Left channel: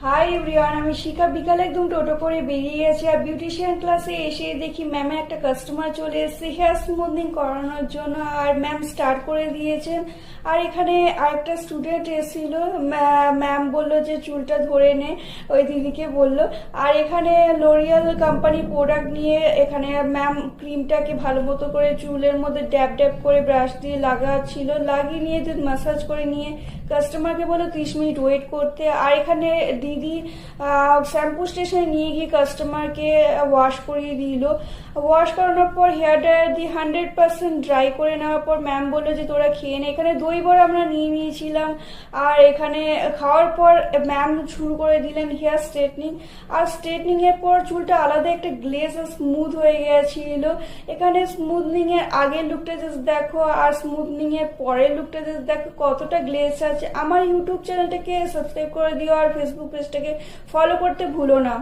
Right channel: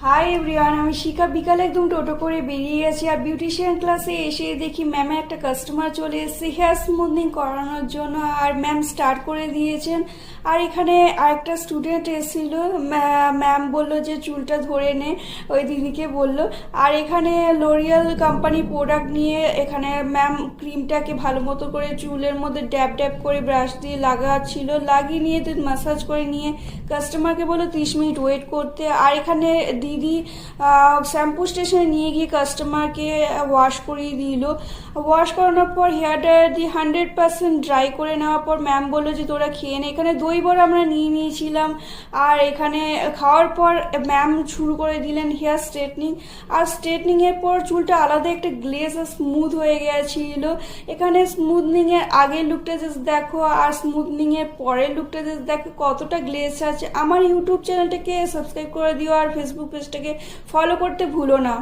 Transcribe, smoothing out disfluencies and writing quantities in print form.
Hi everyone, আমি শিখা। বিকালে একদম টোটো করে বেরিয়ে গেছি আর বিউটিশিয়ান ক্লাসে এসে দেখি ম্যামে একটা কাস্টমার চলে এসেছে হেয়ার স্মুথনিং করানোর জন্য, আর ম্যাম স্টার্ট করে দিয়েছেন। আর এখানে আরেকটা স্টুডেন্ট এসেছিল, ম্যাম বলল যে চুলটা ধরে নে, ওই দিদিকে বলল। আর এখানে লোরিয়াল কোম্পানি প্রোডাক্ট নিয়ে এখানে ম্যাম ক্রিমটাকে ভালো মতো করে চুলের মধ্যে ড্যাব ড্যাব করে ব্রাশ দিয়ে লাগাচ্ছিল, লাগিয়ে নিয়ে মাসাজ করে নিয়ে কাস্টমারকে বললো 30 মিনিট ওয়েট করতে। আর এখানে দিদি শ্যাম্পু স্টেশনে নিয়ে গিয়ে কাস্টমারকে ওয়াশ করিয়ে দিল। ওয়াশ করানোর পর হেয়ার ড্রায়ার দিয়ে 100% ড্রাই করে নেওয়ার পর ম্যাম বললো যে তোরা খেয়ে নে। এখানে দই বড়া আমরা নিয়ে নিয়েছিলাম। আর এখানে খাওয়ার পর ম্যাম শুরু করে দিলেন হেয়ার স্ট্রেটনিং। আর স্ট্রেটনিং এর পর চুলটা আলাদা একটা গ্লেজ আর স্মুথ হয়ে গেছিল। এখানে স্মুথনিং এর আগের লুকটা জাস্ট দেখো, আর স্মুথনিং এর পরের লুকটা জাস্ট দেখো কতটা গ্লেজ আছে। আমার ইউটিউব চ্যানেলটাকে সাবস্ক্রাইব করে দিও আর ফেসবুক পেজটাকে ফলো করতে ভুলো না।